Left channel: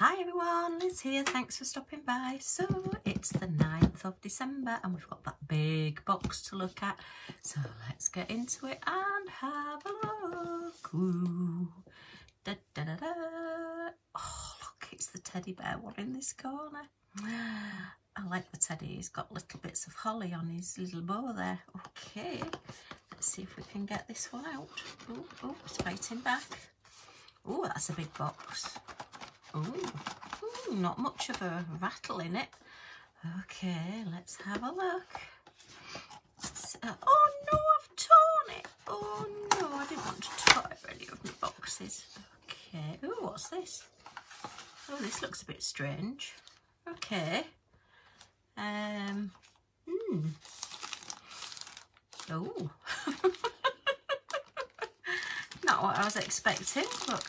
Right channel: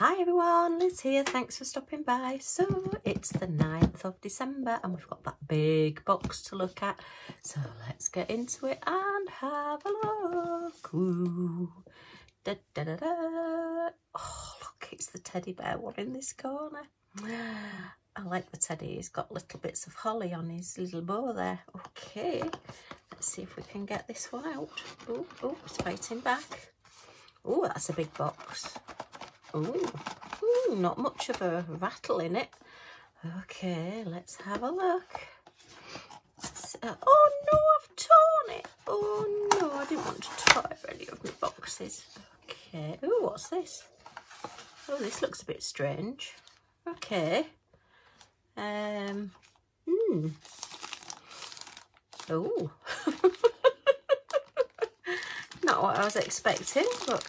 Hi everyone, Liz here, thanks for stopping by. So it's the 9th of December and we've got that big box to look at. So let's get into it and have a look. Ooh. Da, da, da, da. Oh look, it's the teddy bear one in this corner. I like the teddy, he's got little bits of holly on his little bow there. Okay, let's see if we can get this one out. Oh, it's fighting back. Oh, that's a big box. Ooh, not much of a rattle in it. Okay, let's have a look. Oh no, I've torn it. Oh no, I didn't want to tear any of my boxes. Okay, oh, what's this? Oh, this looks a bit strange. Okay. Oh. Not what I was expecting, but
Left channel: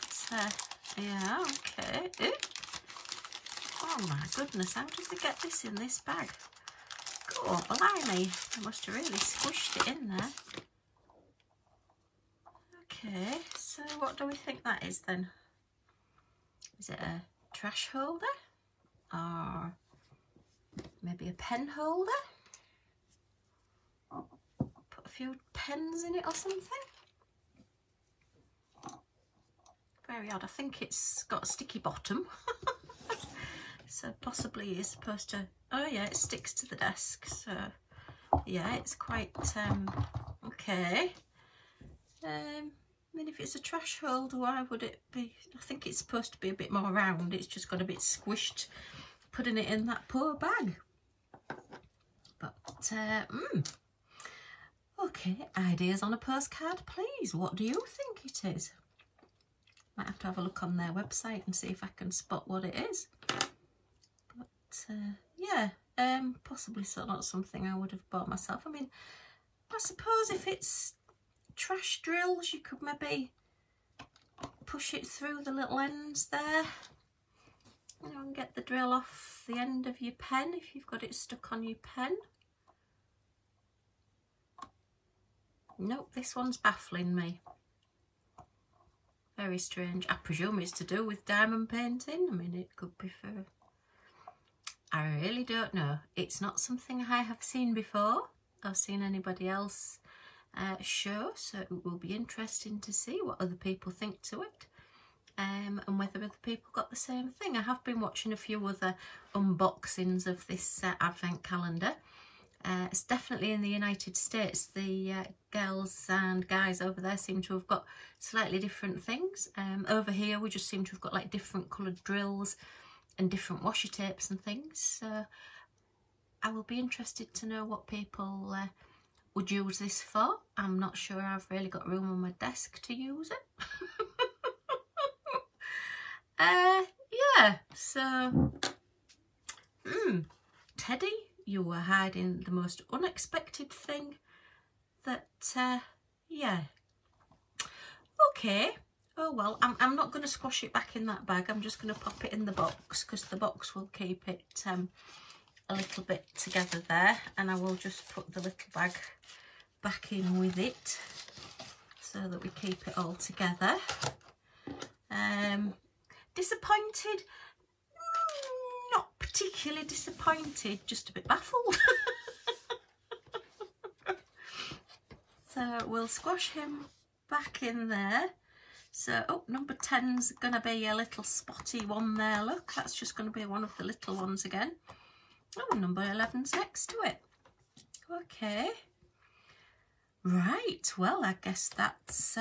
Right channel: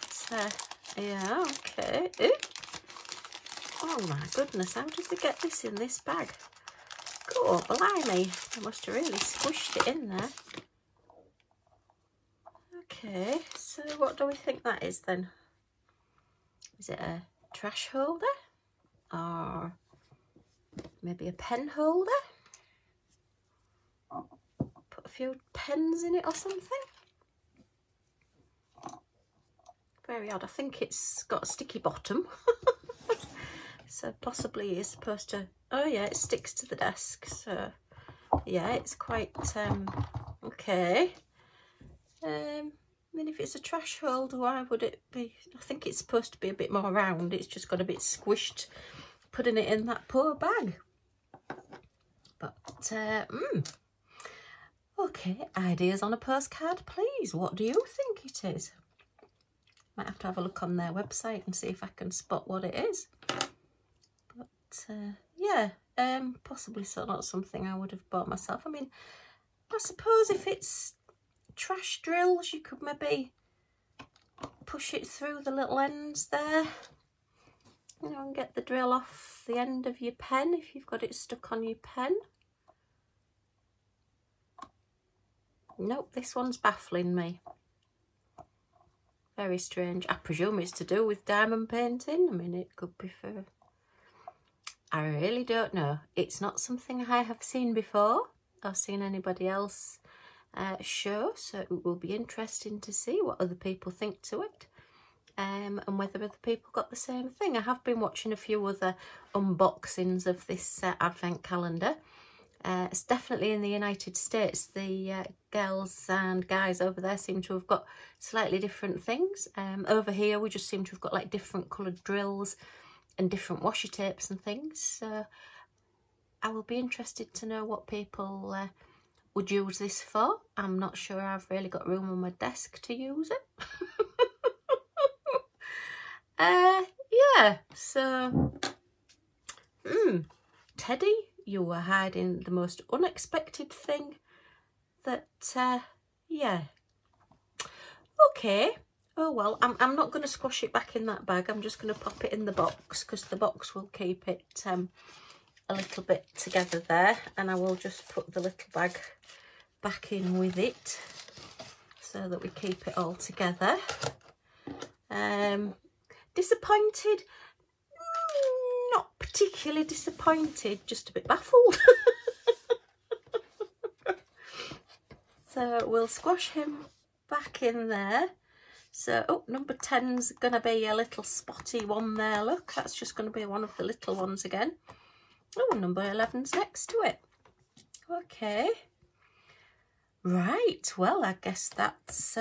yeah, okay. Ooh. Oh my goodness, how did they get this in this bag? Oh, blimey, I must have really squished it in there. Okay, so what do we think that is then? Is it a trash holder? Or maybe a pen holder? Put a few pens in it or something? Very odd. I think it's got a sticky bottom. So possibly you're supposed to, oh yeah, it sticks to the desk. So yeah, it's quite, okay. I mean, if it's a trash holder, why would it be? I think it's supposed to be a bit more round. It's just got a bit squished, putting it in that poor bag. But, okay, ideas on a postcard, please. What do you think it is? Might have to have a look on their website and see if I can spot what it is. But yeah, possibly so not something I would have bought myself. I mean, I suppose if it's trash drills, you could maybe push it through the little ends there, you know, and get the drill off the end of your pen if you've got it stuck on your pen. Nope, this one's baffling me. Very strange. I presume it's to do with diamond painting. I mean, it could be for... I really don't know. It's not something I have seen before or seen anybody else show, so it will be interesting to see what other people think to it, and whether other people got the same thing. I have been watching a few other unboxings of this advent calendar. It's definitely in the United States. The girls and guys over there seem to have got slightly different things. Over here we just seem to have got like different coloured drills and different washi tapes and things. So I will be interested to know what people would use this for. I'm not sure I've really got room on my desk to use it. Yeah, so Teddy, you were hiding the most unexpected thing that, yeah. Okay, oh well, I'm not going to squash it back in that bag. I'm just going to pop it in the box because the box will keep it a little bit together there, and I will just put the little bag back in with it so that we keep it all together. Disappointed? Not particularly disappointed, just a bit baffled. So we'll squash him back in there. So, oh, number 10's going to be a little spotty one there, look. That's just going to be one of the little ones again. Oh, number 11's next to it. Okay. Right, well, I guess that's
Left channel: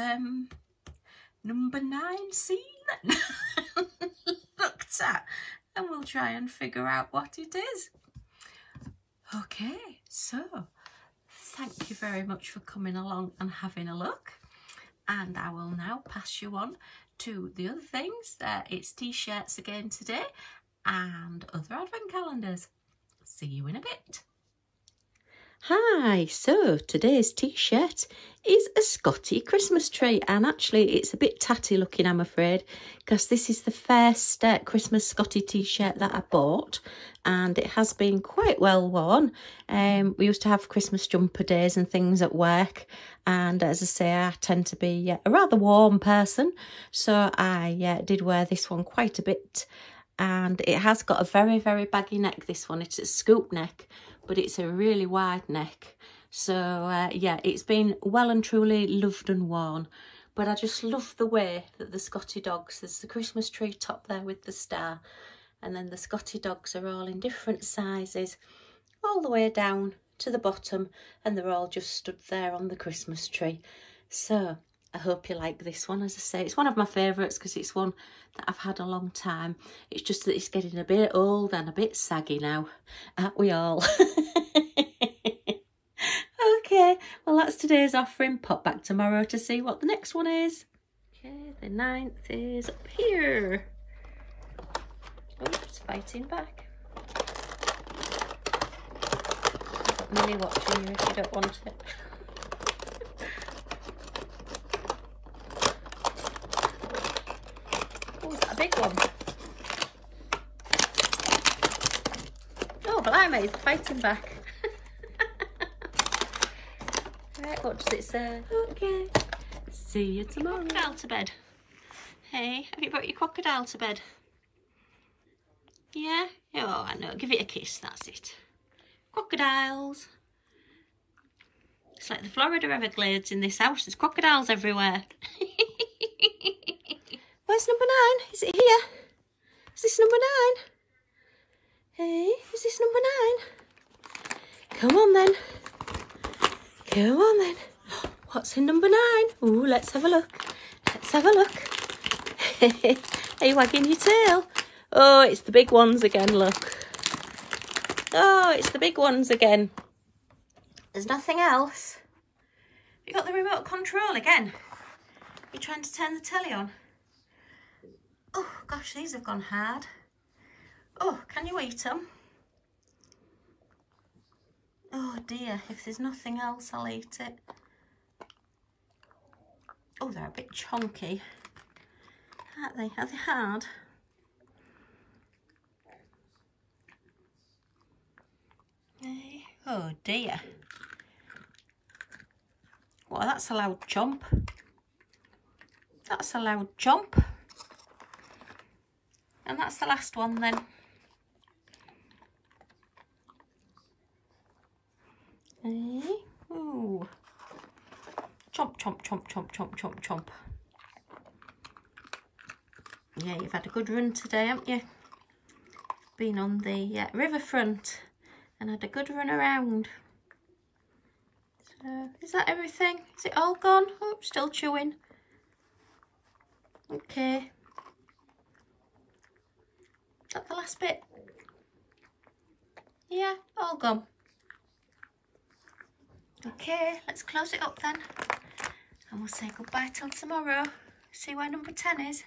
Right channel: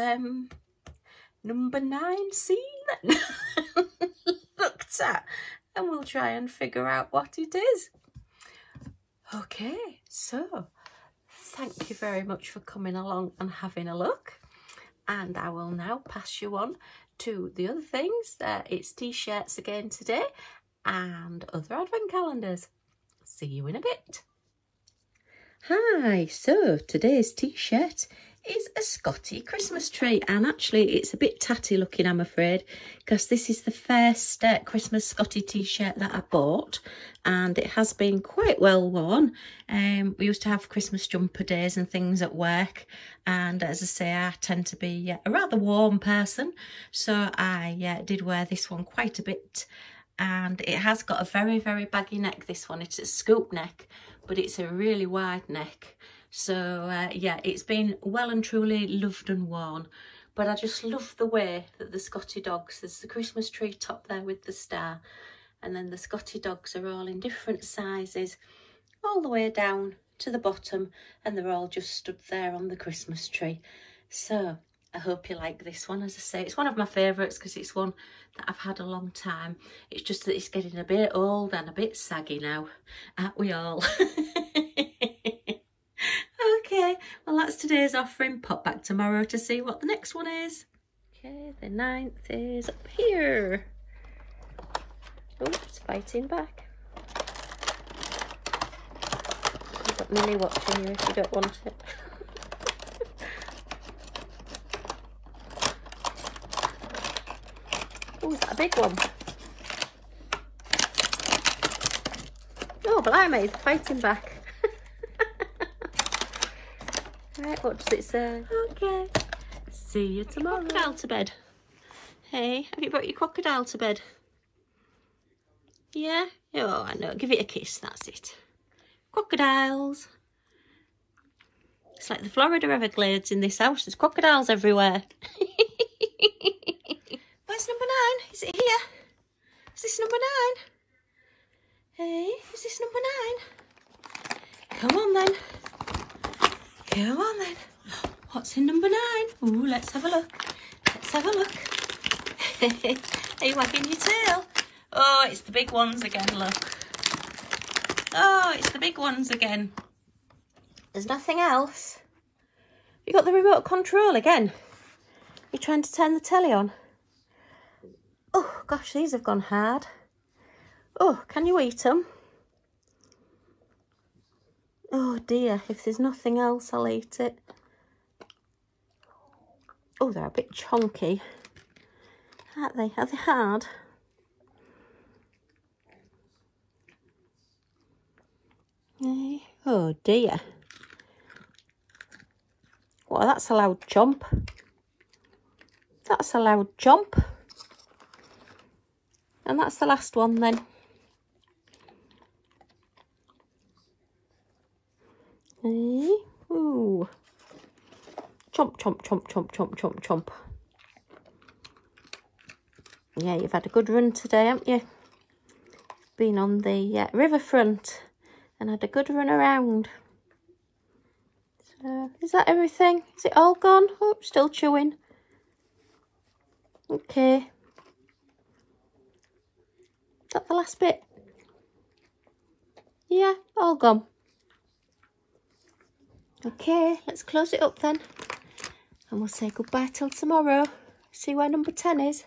number 9C then. Looked at. And we'll try and figure out what it is. Okay, so thank you very much for coming along and having a look. And I will now pass you on to the other things. It's t-shirts again today and other advent calendars. See you in a bit. Hi, so today's t-shirt is a Scottie Christmas tree, and actually it's a bit tatty looking, I'm afraid, because this is the first Christmas Scottie t-shirt that I bought, and it has been quite well worn. We used to have Christmas jumper days and things at work, and as I say, I tend to be a rather warm person, so I did wear this one quite a bit and it has got a very, very baggy neck, this one. It's a scoop neck, but it's a really wide neck. So yeah, it's been well and truly loved and worn. But I just love the way that the Scottie dogs, there's the Christmas tree top there with the star, and then the Scottie dogs are all in different sizes, all the way down to the bottom, and they're all just stood there on the Christmas tree. So I hope you like this one. As I say, it's one of my favourites because it's one that I've had a long time. It's just that it's getting a bit old and a bit saggy now, aren't we all? Okay, well that's today's offering. Pop back tomorrow to see what the next one is. Okay, the 9th is up here. Oops, fighting back. I've got Milly watching you if you don't want it. Oh, is that a big one? Oh, blimey, fighting back. Right, what does it say? Okay. See you tomorrow. Crocodile to bed. Hey, have you brought your crocodile to bed? Yeah? Oh, I know. Give it a kiss. That's it. Crocodiles. It's like the Florida Everglades in this house. There's crocodiles everywhere. Where's number 9? Is it here? Is this number 9? Hey, is this number 9? Come on then. Come on then. What's in number 9? Ooh, let's have a look. Let's have a look. Are you wagging your tail? Oh, it's the big ones again, look. Oh, it's the big ones again. There's nothing else. You got the remote control again. You're trying to turn the telly on. Oh, gosh, these have gone hard. Oh, can you eat them? Oh dear, if there's nothing else, I'll eat it. Oh, they're a bit chunky, aren't they? Are they hard? Oh dear. Well, that's a loud chomp. That's a loud chomp. And that's the last one then. Ooh. Chomp, chomp, chomp, chomp, chomp, chomp, chomp. Yeah, you've had a good run today, haven't you? Been on the riverfront and had a good run around. So, is that everything? Is it all gone? Oh, still chewing. Okay. Is that the last bit? Yeah, all gone. Okay, let's close it up then. And we'll say goodbye till tomorrow. See where number 10 is.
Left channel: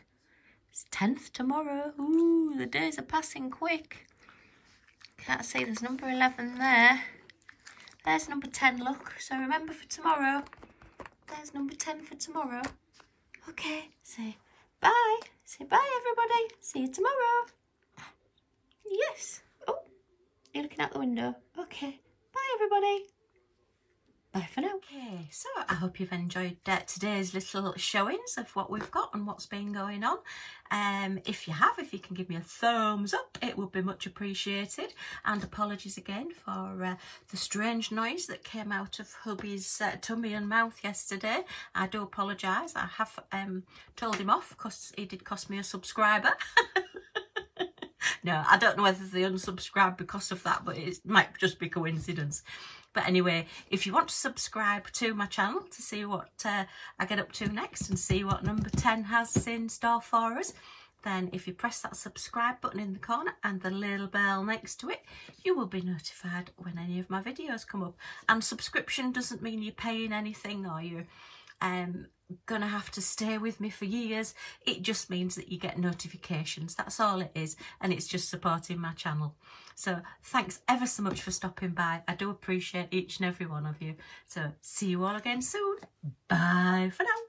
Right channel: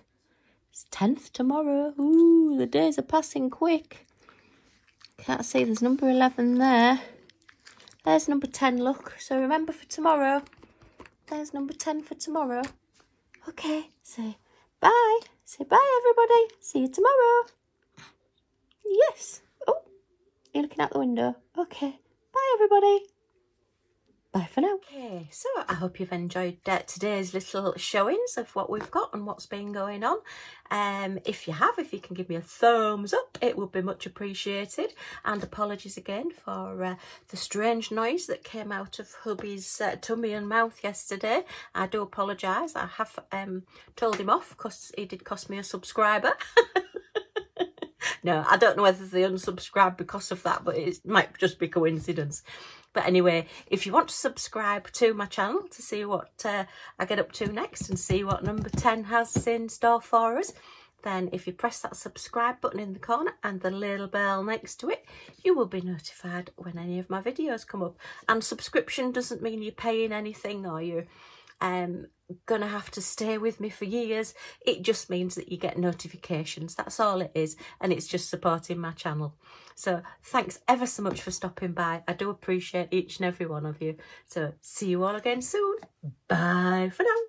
It's 10th tomorrow. Ooh, the days are passing quick. Can't see, there's number 11 there. There's number 10, look. So remember for tomorrow. There's number 10 for tomorrow. Okay, say bye. Say bye, everybody. See you tomorrow. Yes. Oh, you're looking out the window. Okay, bye, everybody. Bye for now. Okay, so I hope you've enjoyed today's little showings of what we've got and what's been going on. If you have, if you can give me a thumbs up, it would be much appreciated. And apologies again for the strange noise that came out of hubby's tummy and mouth yesterday. I do apologise. I have told him off because he did cost me a subscriber. No, I don't know whether they unsubscribed because of that, but it might just be coincidence. But anyway, if you want to subscribe to my channel to see what I get up to next and see what number 10 has in store for us, then if you press that subscribe button in the corner and the little bell next to it, you will be notified when any of my videos come up. And subscription doesn't mean you're paying anything or you're gonna have to stay with me for years. It just means that you get notifications. That's all it is, and it's just supporting my channel. So thanks ever so much for stopping by. I do appreciate each and every one of you. So see you all again soon. Bye for now.